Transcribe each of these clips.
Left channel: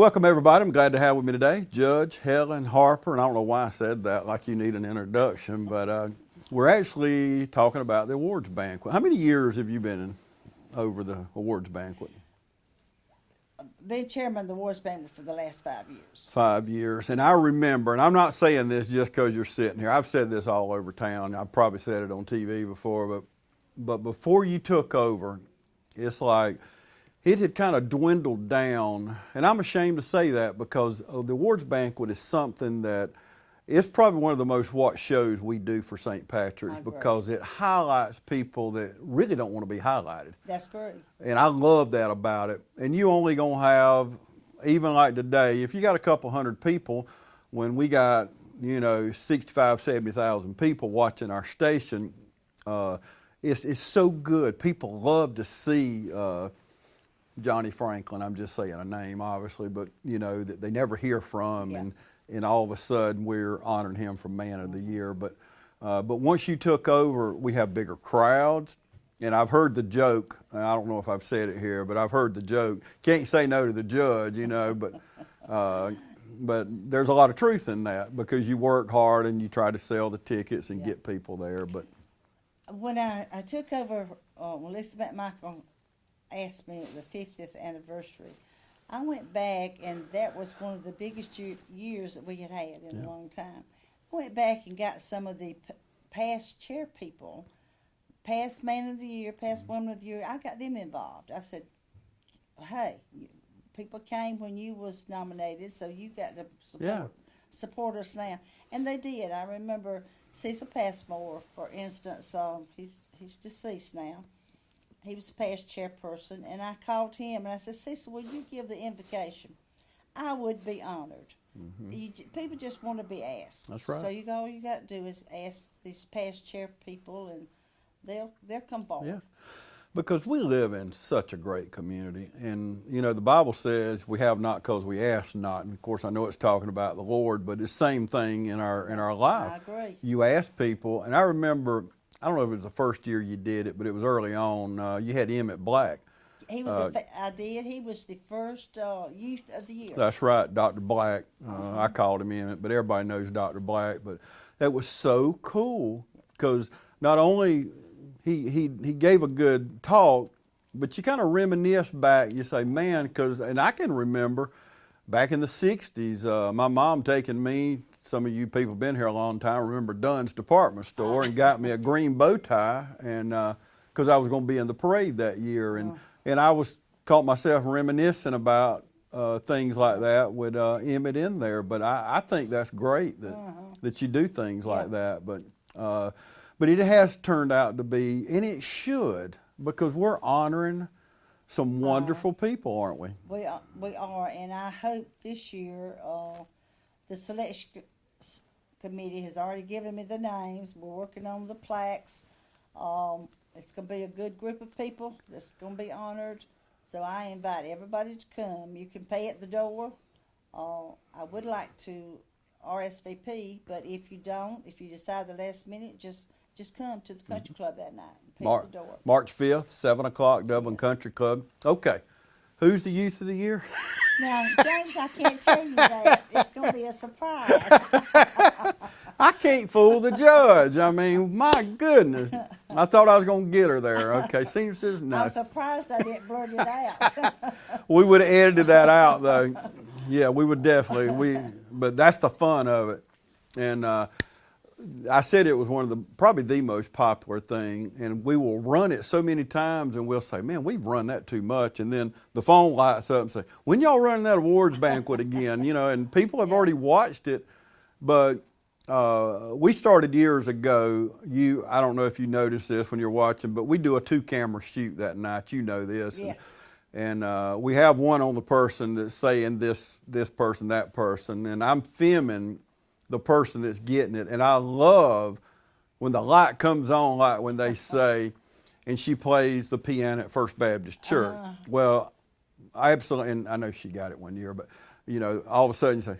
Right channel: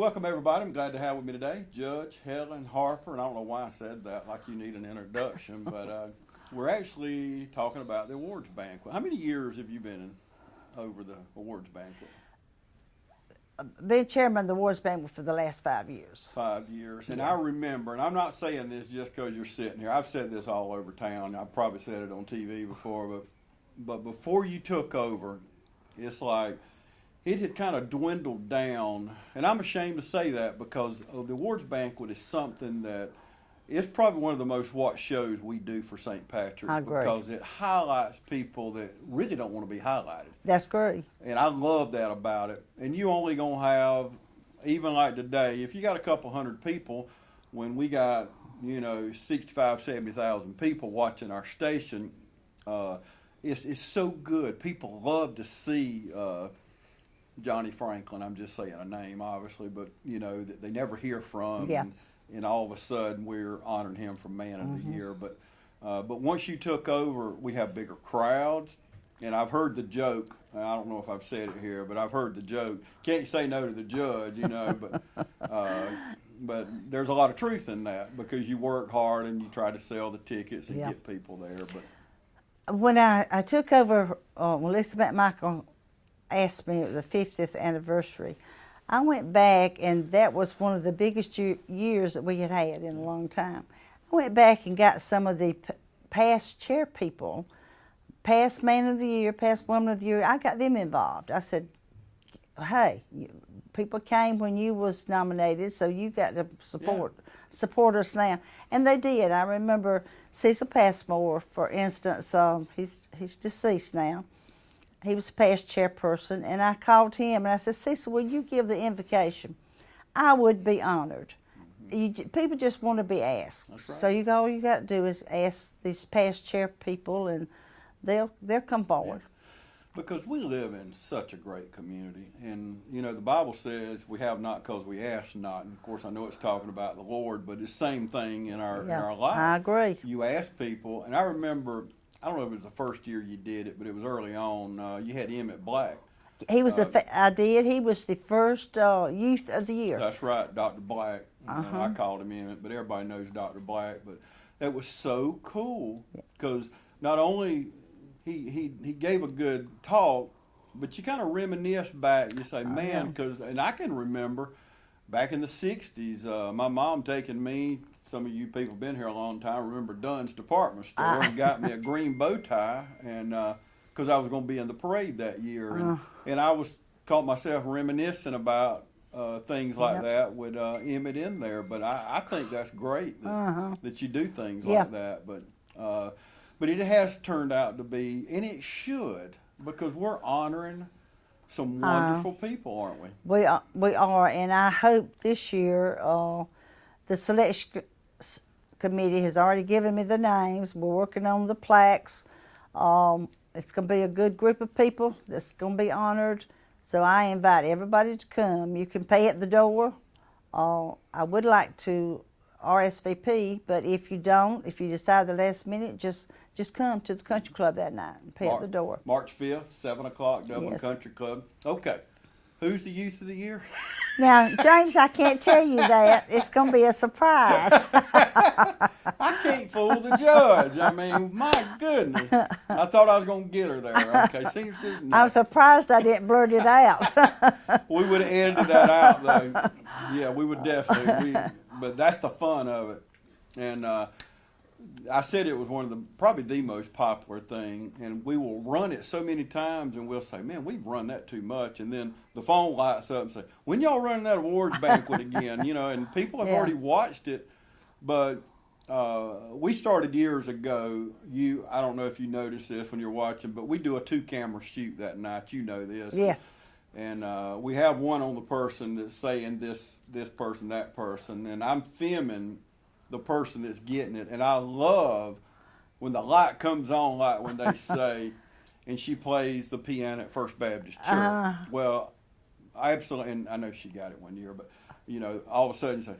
Welcome, everybody. I'm glad to have with me today Judge Helen Harper. And I don't know why I said that like you need an introduction, but we're actually talking about the awards banquet. How many years have you been over the awards banquet? Been chairman of the awards banquet for the last 5 years. 5 years. And I remember, and I'm not saying this just because you're sitting here. I've said this all over town. I've probably said it on TV before, but before you took over, it's like it had kind of dwindled down. And I'm ashamed to say that because the awards banquet is something that it's probably one of the most watched shows we do for St. Patrick's because it highlights people that really don't want to be highlighted. That's great. And I love that about it. And you only going to have, even like today, if you got a couple hundred people, when we got, 65, 70,000 people watching our station, it's so good. People love to see Johnny Franklin. I'm just saying a name, obviously, but, that they never hear from. Yeah. And all of a sudden, we're honoring him for Man of the Year. But once you took over, we have bigger crowds. And I've heard the joke. I don't know if I've said it here, but I've heard the joke. Can't say no to the judge, but there's a lot of truth in that because you work hard and you try to sell the tickets and get people there. But when I took over, when Lisa McMichael asked me the 50th anniversary, I went back, and that was one of the biggest years that we had in a long time. I went back and got some of the past chair people, past Man of the Year, past Woman of the Year. I got them involved. I said, hey, people came when you was nominated, so you got to support us now. And they did. I remember Cecil Passmore, for instance. He's deceased now. He was the past chairperson, and I called him, and I said, Cecil, will you give the invocation? I would be honored. People just want to be asked. That's right. So all you got to do is ask these past chair people, and they'll come forward. Yeah. Because we live in such a great community, and, the Bible says we have not because we ask not. And, of course, I know it's talking about the Lord, but it's the same thing in our life. I agree. You ask people, and I remember, I don't know if it was the first year you did it, but it was early on. You had Emmett Black. He was I did. He was the first Youth of the Year. That's right, Dr. Black. I called him Emmett, but everybody knows Dr. Black. But that was so cool because not only he gave a good talk, but you kind of reminisce back. You say, man, and I can remember back in the 60s, my mom taking me. Some of you people been here a long time remember Dunn's department store and got me a green bow tie, and because I was going to be in the parade that year, and I caught myself reminiscing about things like that with Emmett in there. But I think that's great that you do things like that. But it has turned out to be, and it should, because we're honoring some wonderful people, aren't we? We are, and I hope this year the selection committee has already given me the names. We're working on the plaques. It's going to be a good group of people that's going to be honored. So I invite everybody to come. You can pay at the door. I would like to RSVP, but if you don't, if you decide the last minute, just come to the country club that night and pay at the door. March 5th, 7 o'clock, Dublin Country Club. Okay. Who's the Youth of the Year? Now, James, I can't tell you that. It's going to be a surprise. I can't fool the judge. I mean, my goodness. I thought I was going to get her there. Okay, seems no. I'm surprised I didn't blurt it out. We would have edited that out, though. Yeah, we would definitely. But that's the fun of it. And I said it was probably the most popular thing, and we will run it so many times, and we'll say, man, we've run that too much, and then the phone lights up and say, when y'all running that awards banquet again? And people have already watched it, but we started years ago. I don't know if you noticed this when you're watching, but we do a 2-camera shoot that night. You know this. Yes. And we have one on the person that's saying this person, that person, and I'm filming the person that's getting it. And I love when the light comes on, like when they say, and she plays the piano at First Baptist Church. Well, I absolutely, and I know she got it one year, but, all of a sudden you say,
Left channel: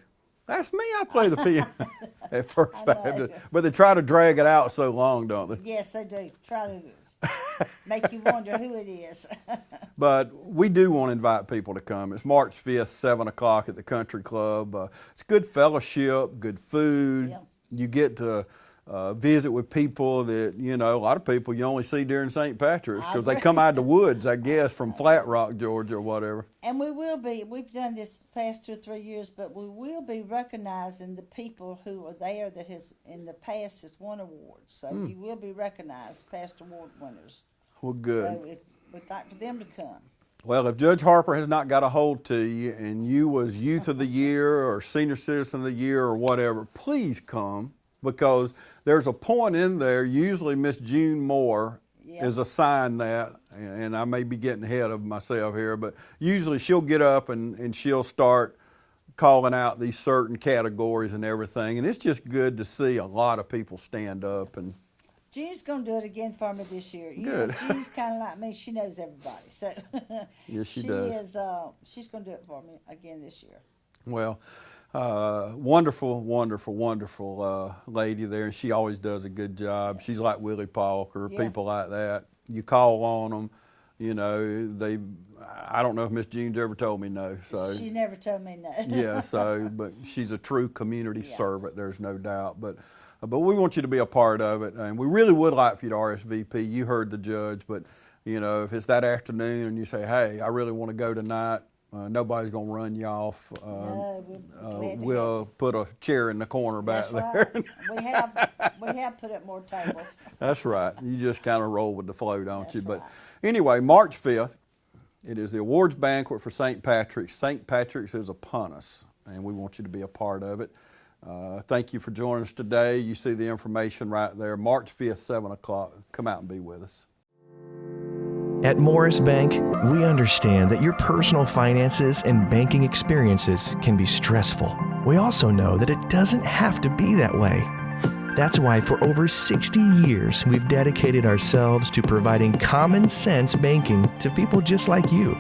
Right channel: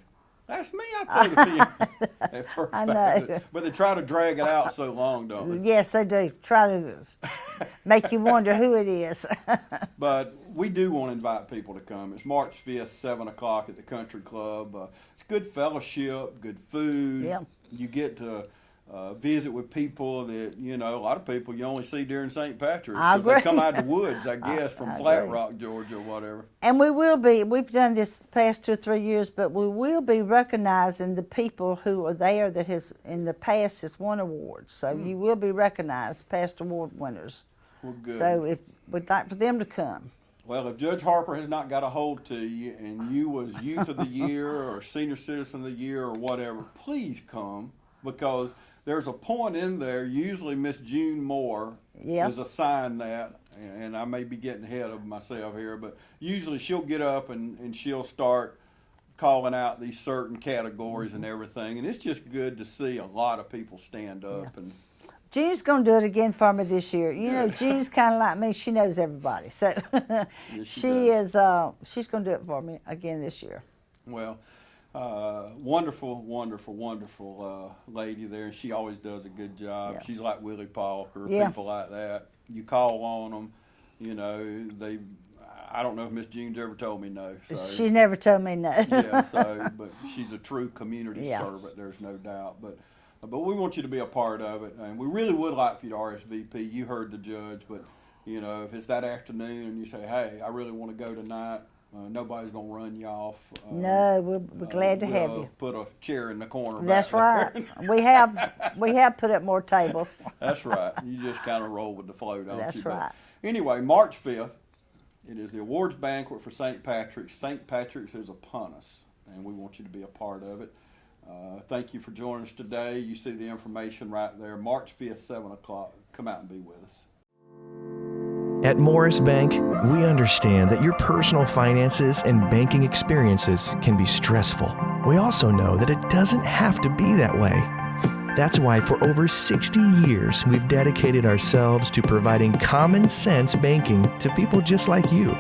That's me. I play the piano at First I know. Baptist. But they try to drag it out so long, don't they? Yes, they do. Try to make you wonder who it is. But we do want to invite people to come. It's March 5th, 7 o'clock at the Country Club. It's good fellowship, good food. Yep. You get to visit with people that, you know, a lot of people you only see during St. Patrick's because they come out of the woods, I guess, from Flat Rock, Georgia, or whatever. And we've done this the past 2 or 3 years, but we will be recognizing the people who are there that has, in the past, has won awards. So you will be recognized, past award winners. Well, good. So if we'd like for them to come. Well, if Judge Harper has not got a hold to you and you was Youth of the Year or Senior Citizen of the Year or whatever, please come, because there's a point in there, usually Miss June Moore is assigned that, and I may be getting ahead of myself here, but usually she'll get up and she'll start calling out these certain categories and everything, and it's just good to see a lot of people stand up. And June's going to do it again for me this year. You know, June's kind of like me. She knows everybody. So yes, she's going to do it for me again this year. Well, wonderful, wonderful, wonderful lady there, and she always does a good job. She's like Willie Palker, people like that. You call on them, you know, I don't know if Miss June's ever told me no. So she's never told me no. yeah, but she's a true community servant, there's no doubt. But we want you to be a part of it, and we really would like for you to RSVP. You heard the judge, but you know, if it's that afternoon and you say, hey, I really want to go tonight, nobody's going to run you off. No, we're glad to have you. Put a chair in the corner That's back there. right. We have put up more tables. That's right. You just kind of roll with the flow, don't That's you? right. But anyway, March 5th, it is the awards banquet for St. Patrick's. St. Patrick's is upon us, and we want you to be a part of it. Thank you for joining us today. You see the information right there. March 5th, 7 o'clock. Come out and be with us. At Morris Bank, we understand that your personal finances and banking experiences can be stressful. We also know that it doesn't have to be that way. That's why for over 60 years, we've dedicated ourselves to providing common sense banking to people just like you.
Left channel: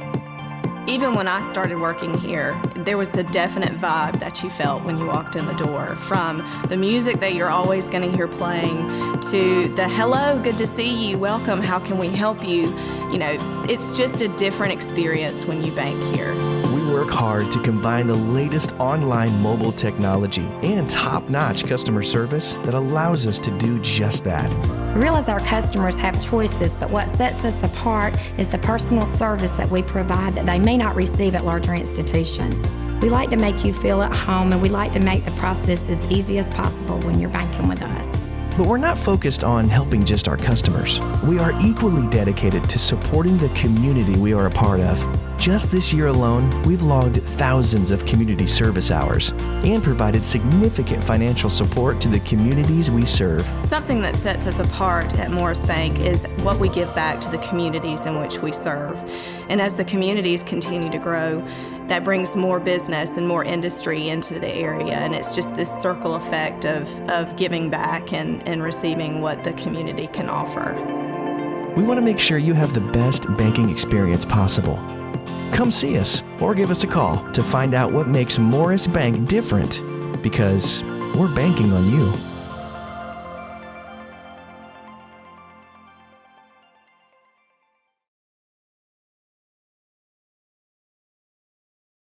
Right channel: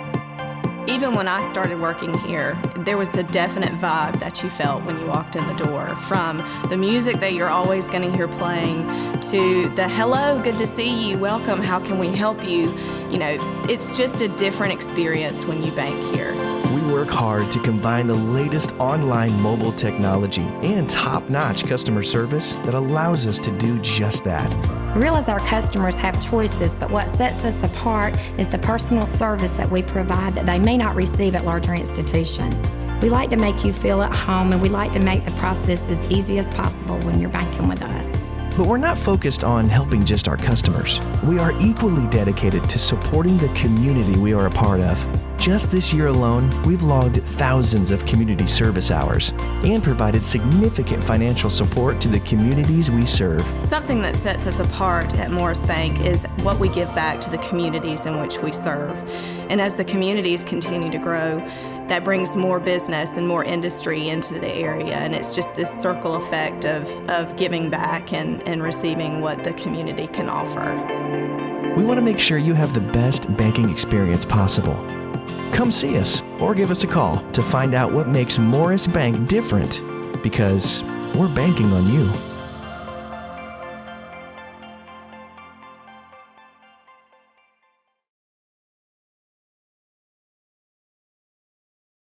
Even when I started working here, there was a definite vibe that you felt when you walked in the door, from the music that you're always going to hear playing to the hello, good to see you, welcome, how can we help you? You know, it's just a different experience when you bank here. We work hard to combine the latest online mobile technology and top-notch customer service that allows us to do just that. We realize our customers have choices, but what sets us apart is the personal service that we provide that they may not receive at larger institutions. We like to make you feel at home, and we like to make the process as easy as possible when you're banking with us. But we're not focused on helping just our customers. We are equally dedicated to supporting the community we are a part of. Just this year alone, we've logged thousands of community service hours and provided significant financial support to the communities we serve. Something that sets us apart at Morris Bank is what we give back to the communities in which we serve. And as the communities continue to grow, that brings more business and more industry into the area, and it's just this circle effect of giving back and receiving what the community can offer. We want to make sure you have the best banking experience possible. Come see us or give us a call to find out what makes Morris Bank different, because we're banking on you.